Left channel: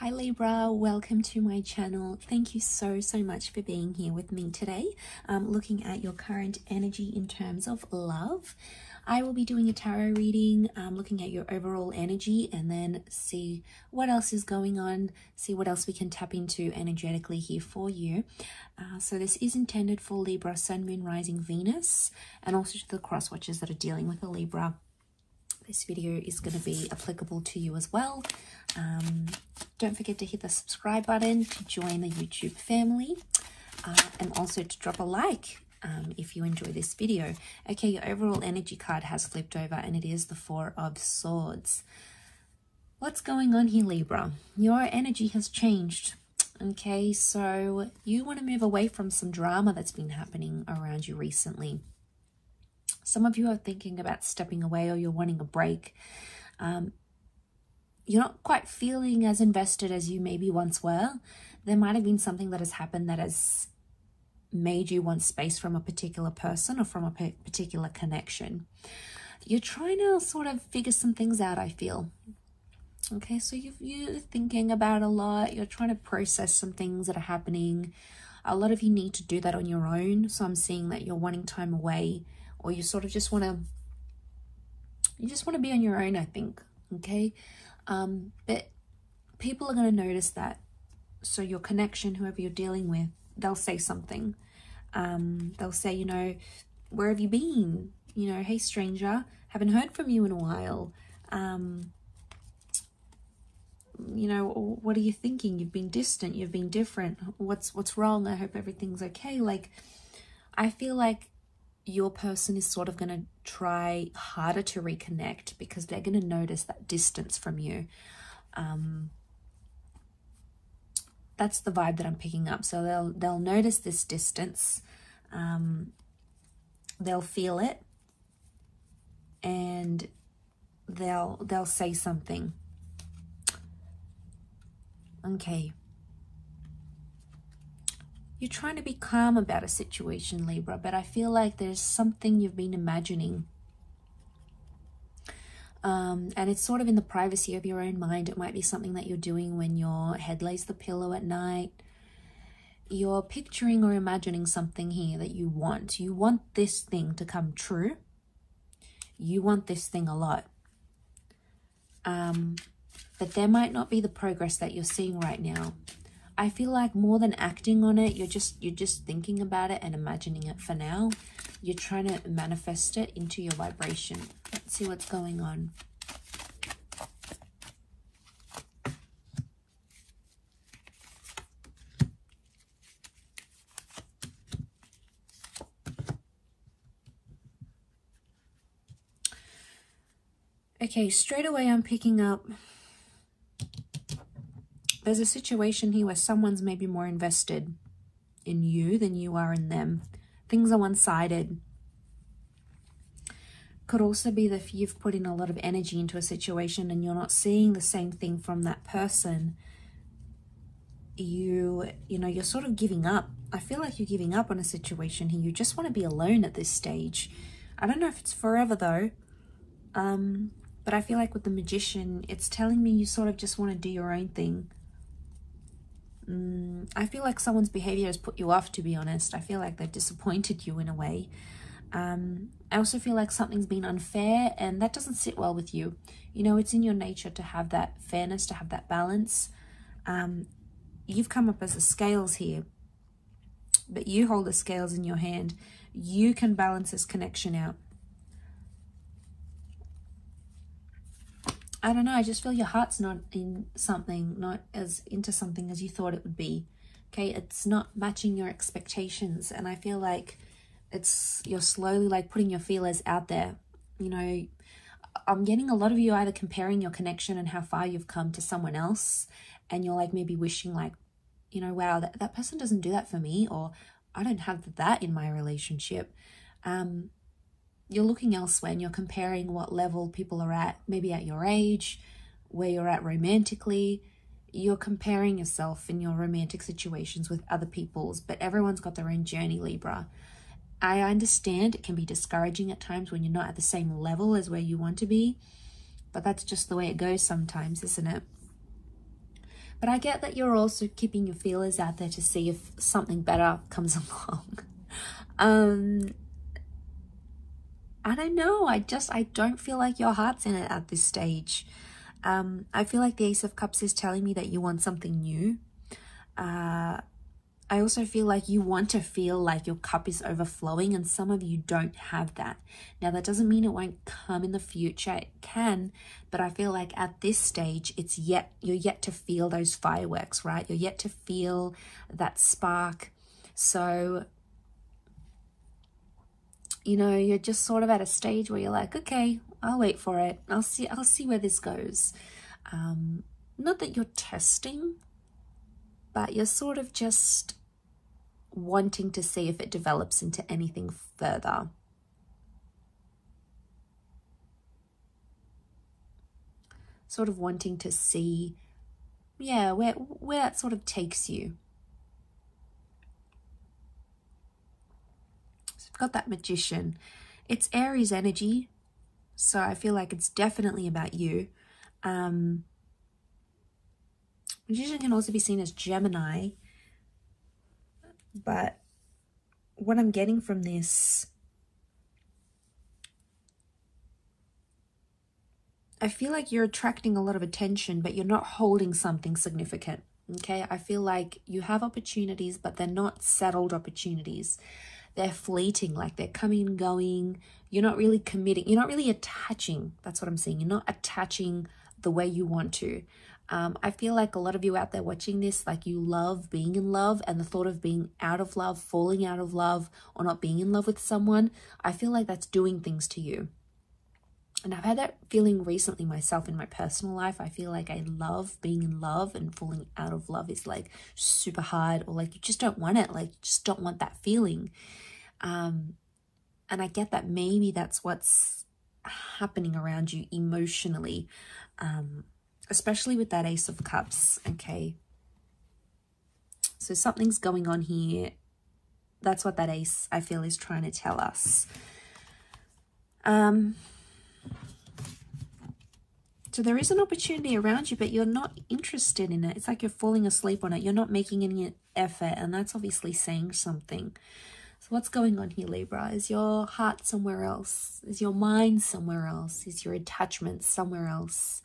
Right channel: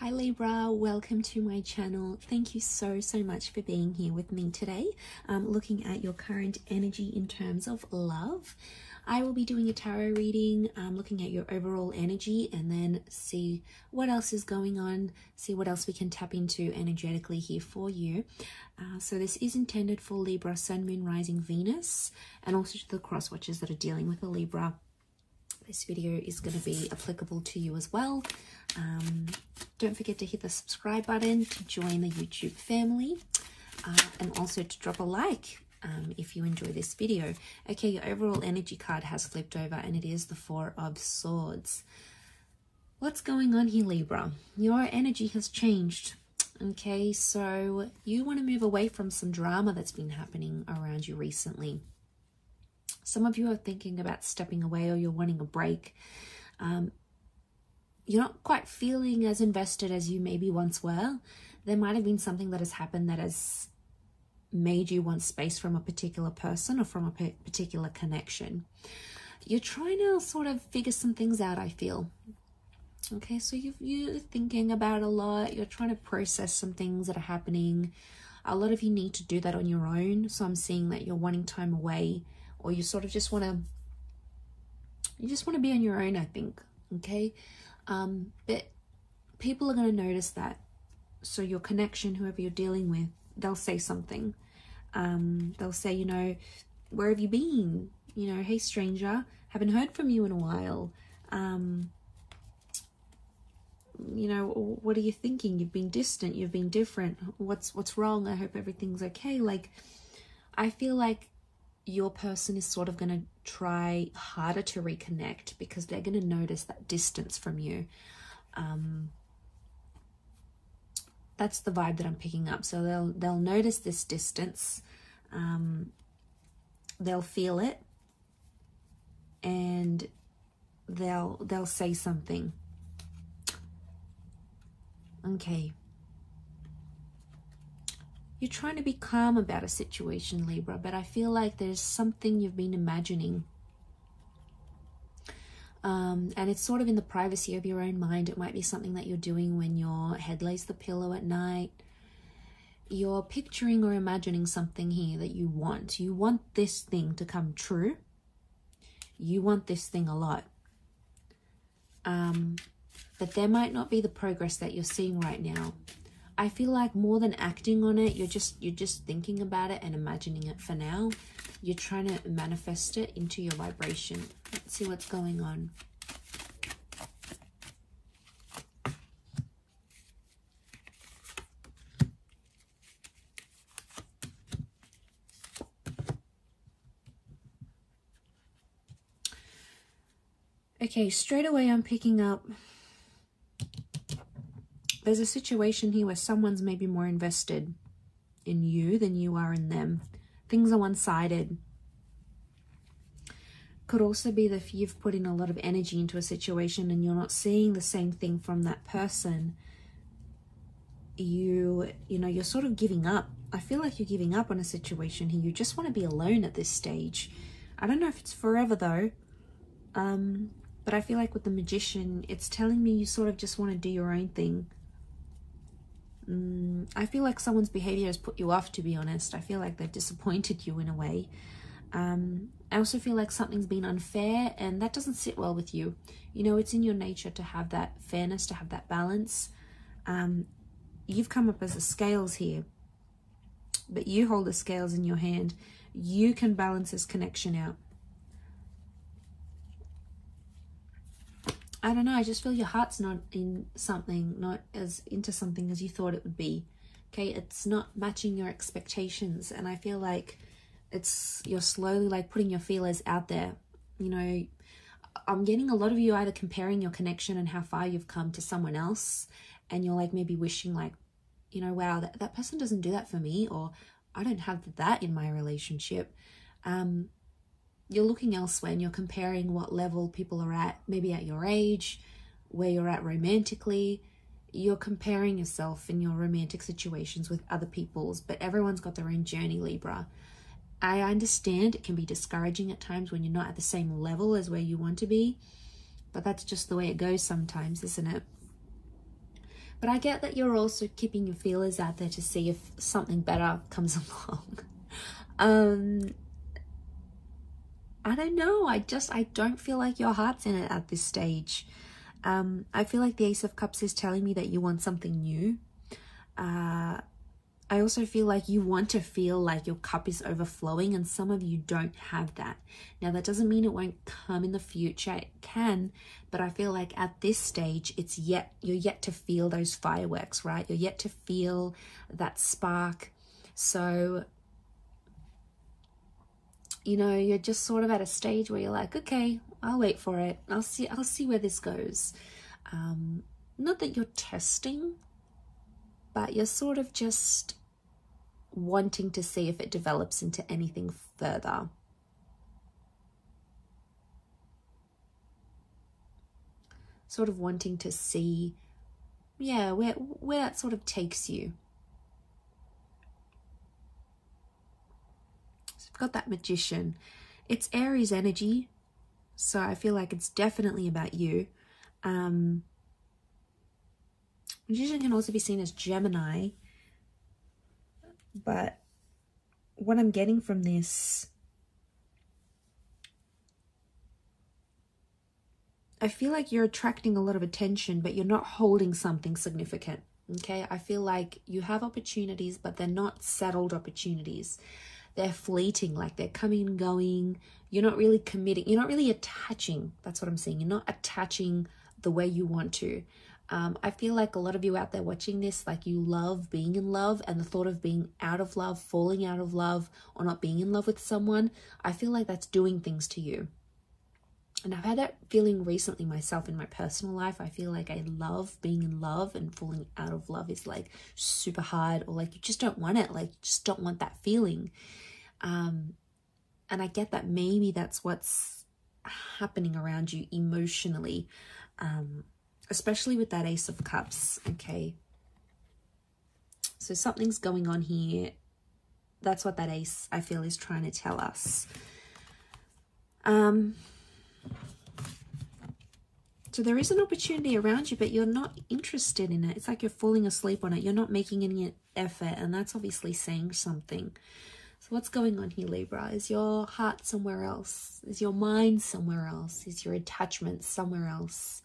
Hi Libra, welcome to my channel. Thank you so much for being here with me today. Looking at your current energy in terms of love. I will be doing a tarot reading, looking at your overall energy and then see what else is going on, see what else we can tap into energetically here for you. So this is intended for Libra, Sun, Moon, Rising, Venus, and also to the cross watchers that are dealing with a Libra. This video is going to be applicable to you as well. Don't forget to hit the subscribe button to join the YouTube family, and also to drop a like if you enjoy this video. Okay, your overall energy card has flipped over and it is the Four of Swords. What's going on here, Libra? Your energy has changed. Okay, so you want to move away from some drama that's been happening around you recently. Some of you are thinking about stepping away, or you're wanting a break. You're not quite feeling as invested as you maybe once were. There might have been something that has happened that has made you want space from a particular person or from a particular connection. You're trying to sort of figure some things out, I feel. Okay, so you're thinking about a lot. You're trying to process some things that are happening. A lot of you need to do that on your own. So I'm seeing that you're wanting time away, or you sort of just want to be on your own, I think. Okay, but people are going to notice that. So your connection, whoever you're dealing with, they'll say something. They'll say, you know, where have you been? You know, hey stranger, haven't heard from you in a while. You know, what are you thinking? You've been distant, you've been different. What's wrong? I hope everything's okay. Like, I feel like your person is sort of going to try harder to reconnect because they're going to notice that distance from you. That's the vibe that I'm picking up. So they'll notice this distance. They'll feel it, and they'll say something. Okay. You're trying to be calm about a situation, Libra, but I feel like there's something you've been imagining. And it's sort of in the privacy of your own mind. It might be something that you're doing when your head lays the pillow at night. You're picturing or imagining something here that you want. You want this thing to come true. You want this thing a lot. But there might not be the progress that you're seeing right now. I feel like more than acting on it, you're just thinking about it and imagining it for now. You're trying to manifest it into your vibration. Let's see what's going on. Okay, straight away I'm picking up, there's a situation here where someone's maybe more invested in you than you are in them. Things are one-sided. Could also be that you've put in a lot of energy into a situation and you're not seeing the same thing from that person. You know, you're sort of giving up. I feel like you're giving up on a situation here. You just want to be alone at this stage. I don't know if it's forever though. But I feel like with the Magician, it's telling me you sort of just want to do your own thing. I feel like someone's behavior has put you off, to be honest. I feel like they've disappointed you in a way. I also feel like something's been unfair, and that doesn't sit well with you. You know, it's in your nature to have that fairness, to have that balance. You've come up as the scales here, but you hold the scales in your hand. You can balance this connection out. I don't know, I just feel your heart's not in something, not as into something as you thought it would be. Okay, it's not matching your expectations, and I feel like you're slowly like putting your feelers out there. You know, I'm getting a lot of you either comparing your connection and how far you've come to someone else, and you're like maybe wishing like, you know, wow, that person doesn't do that for me, or I don't have that in my relationship. You're looking elsewhere and you're comparing what level people are at, maybe at your age, where you're at romantically. You're comparing yourself in your romantic situations with other people's, but everyone's got their own journey, Libra. I understand it can be discouraging at times when you're not at the same level as where you want to be, but that's just the way it goes sometimes, isn't it? But I get that you're also keeping your feelers out there to see if something better comes along. I don't know. I don't feel like your heart's in it at this stage. I feel like the Ace of Cups is telling me that you want something new. I also feel like you want to feel like your cup is overflowing, and some of you don't have that. Now, that doesn't mean it won't come in the future. It can, but I feel like at this stage, you're yet to feel those fireworks, right? You're yet to feel that spark. So, you know, you're just sort of at a stage where you're like, okay, I'll wait for it. I'll see where this goes. Not that you're testing, but you're sort of just wanting to see if it develops into anything further. Sort of wanting to see, yeah, where that sort of takes you. So I've got that Magician. It's Aries energy, so I feel like it's definitely about you. Magician can also be seen as Gemini, but what I'm getting from this, I feel like you're attracting a lot of attention, but you're not holding something significant, okay? I feel like you have opportunities, but they're not settled opportunities. They're fleeting, like they're coming and going. You're not really committing. You're not really attaching. That's what I'm saying. You're not attaching the way you want to. I feel like a lot of you out there watching this, like you love being in love, and the thought of being out of love, falling out of love, or not being in love with someone, I feel like that's doing things to you. And I've had that feeling recently myself in my personal life. I feel like I love being in love, and falling out of love is like super hard, or like you just don't want it, like you just don't want that feeling. And I get that maybe that's what's happening around you emotionally. Especially with that Ace of Cups, okay? So something's going on here. That's what that Ace, I feel, is trying to tell us. So there is an opportunity around you, but you're not interested in it. It's like you're falling asleep on it. You're not making any effort, and that's obviously saying something. So what's going on here, Libra? Is your heart somewhere else? Is your mind somewhere else? Is your attachment somewhere else?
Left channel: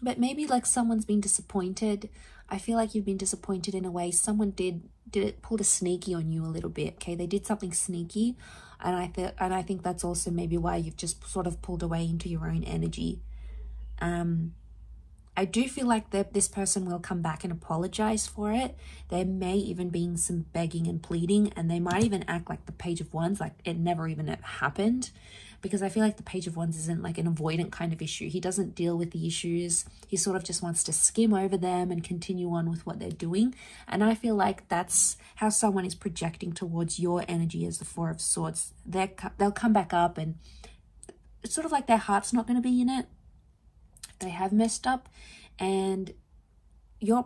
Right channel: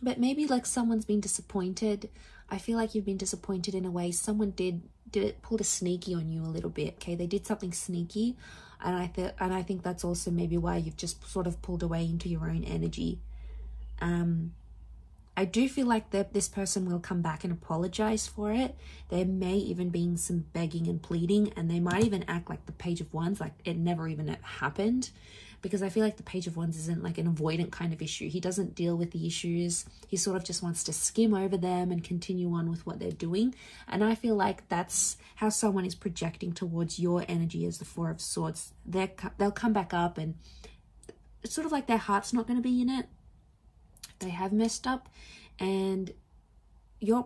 But maybe like someone's been disappointed. I feel like you've been disappointed in a way. Someone pulled a sneaky on you a little bit, okay? They did something sneaky, and I think that's also maybe why you've just sort of pulled away into your own energy. I do feel like this person will come back and apologize for it. There may even be some begging and pleading, and they might even act like the Page of Wands, like it never even happened. Because I feel like the Page of Wands isn't like an avoidant kind of issue. He doesn't deal with the issues. He sort of just wants to skim over them and continue on with what they're doing. And I feel like that's how someone is projecting towards your energy as the Four of Swords. They'll come back up, and it's sort of like their heart's not going to be in it. They have messed up, and your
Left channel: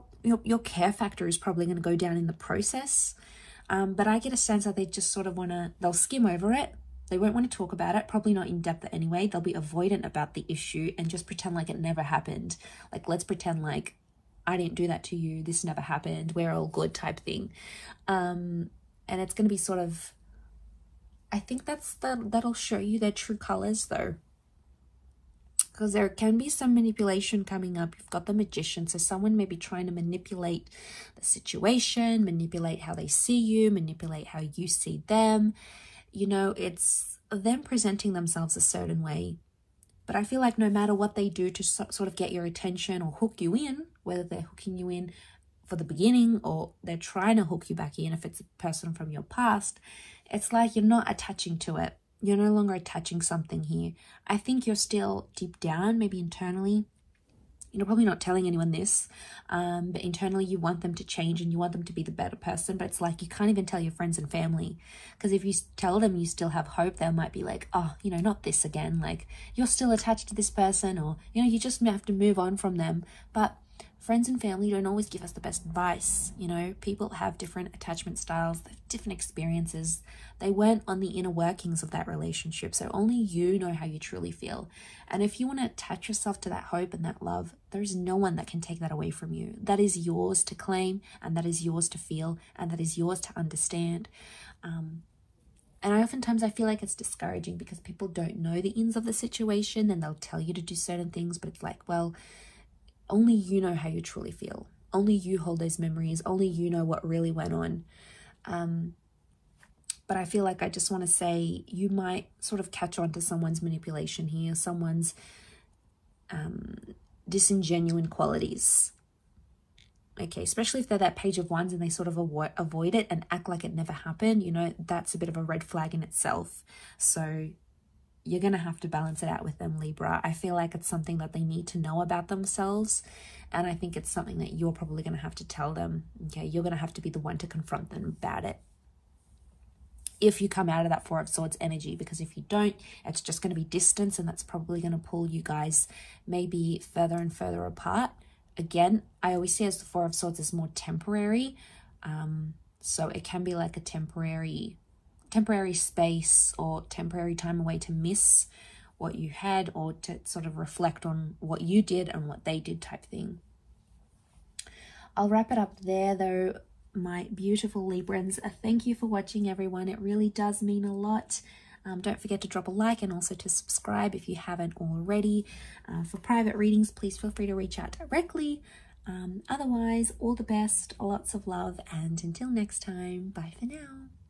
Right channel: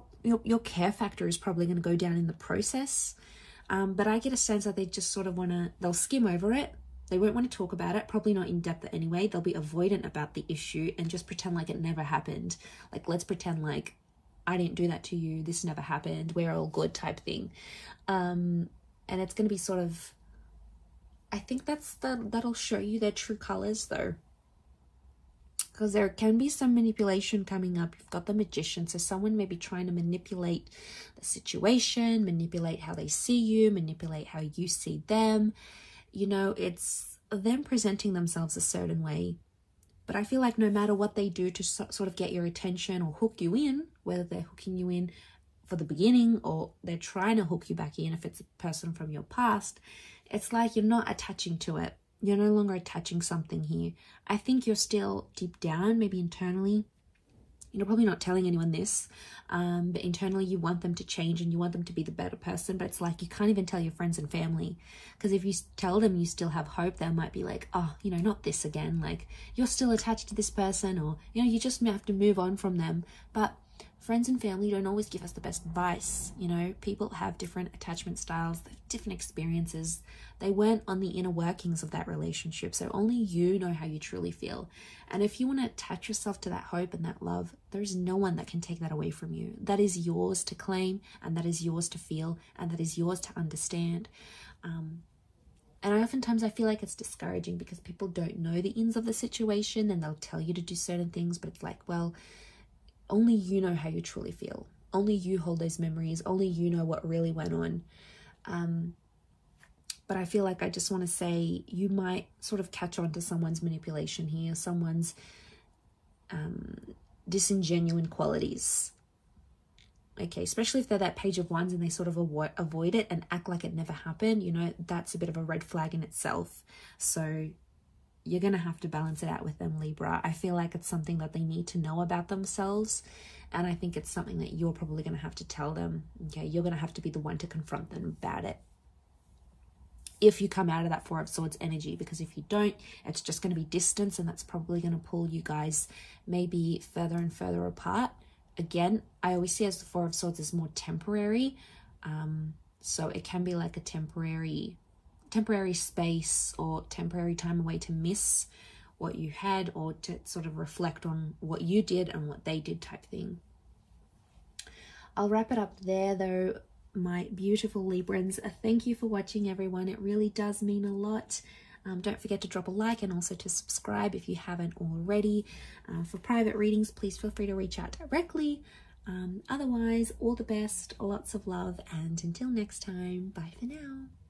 care factor is probably going to go down in the process. But I get a sense that they just sort of they'll skim over it. They won't want to talk about it, probably not in depth anyway. They'll be avoidant about the issue and just pretend like it never happened. Like, let's pretend like I didn't do that to you. This never happened. We're all good type thing. And it's going to be sort of, I think that'll show you their true colors though. Because there can be some manipulation coming up. You've got the Magician. So someone may be trying to manipulate the situation, manipulate how they see you, manipulate how you see them. You know, it's them presenting themselves a certain way. But I feel like no matter what they do to sort of get your attention or hook you in, whether they're hooking you in for the beginning or they're trying to hook you back in, if it's a person from your past, it's like you're not attaching to it. You're no longer attaching something here. I think you're still deep down, maybe internally, you're probably not telling anyone this, but internally you want them to change and you want them to be the better person. But it's like you can't even tell your friends and family, because if you tell them you still have hope, they might be like, oh, you know, not this again. Like, you're still attached to this person, or, you know, you just have to move on from them. But friends and family don't always give us the best advice. You know, people have different attachment styles, different experiences. They weren't on the inner workings of that relationship, so only you know how you truly feel. And if you want to attach yourself to that hope and that love, there's no one that can take that away from you. That is yours to claim, and that is yours to feel, and that is yours to understand. And I feel like it's discouraging because people don't know the ins of the situation, and they'll tell you to do certain things, but it's like, well, only you know how you truly feel. Only you hold those memories. Only you know what really went on. But I feel like I just want to say you might sort of catch on to someone's manipulation here, someone's disingenuine qualities. Okay, especially if they're that page of wands and they sort of avoid it and act like it never happened, you know, that's a bit of a red flag in itself. So you're going to have to balance it out with them, Libra. I feel like it's something that they need to know about themselves. And I think it's something that you're probably going to have to tell them. Okay, you're going to have to be the one to confront them about it, if you come out of that Four of Swords energy, because if you don't, it's just going to be distance, and that's probably going to pull you guys maybe further and further apart. Again, I always see as the Four of Swords is more temporary, so it can be like a temporary space or temporary time away to miss what you had, or to sort of reflect on what you did and what they did type thing. I'll wrap it up there though, my beautiful Librans. Thank you for watching, everyone. It really does mean a lot. Don't forget to drop a like and also to subscribe if you haven't already. For private readings, please feel free to reach out directly. Otherwise, all the best, lots of love, and until next time, bye for now.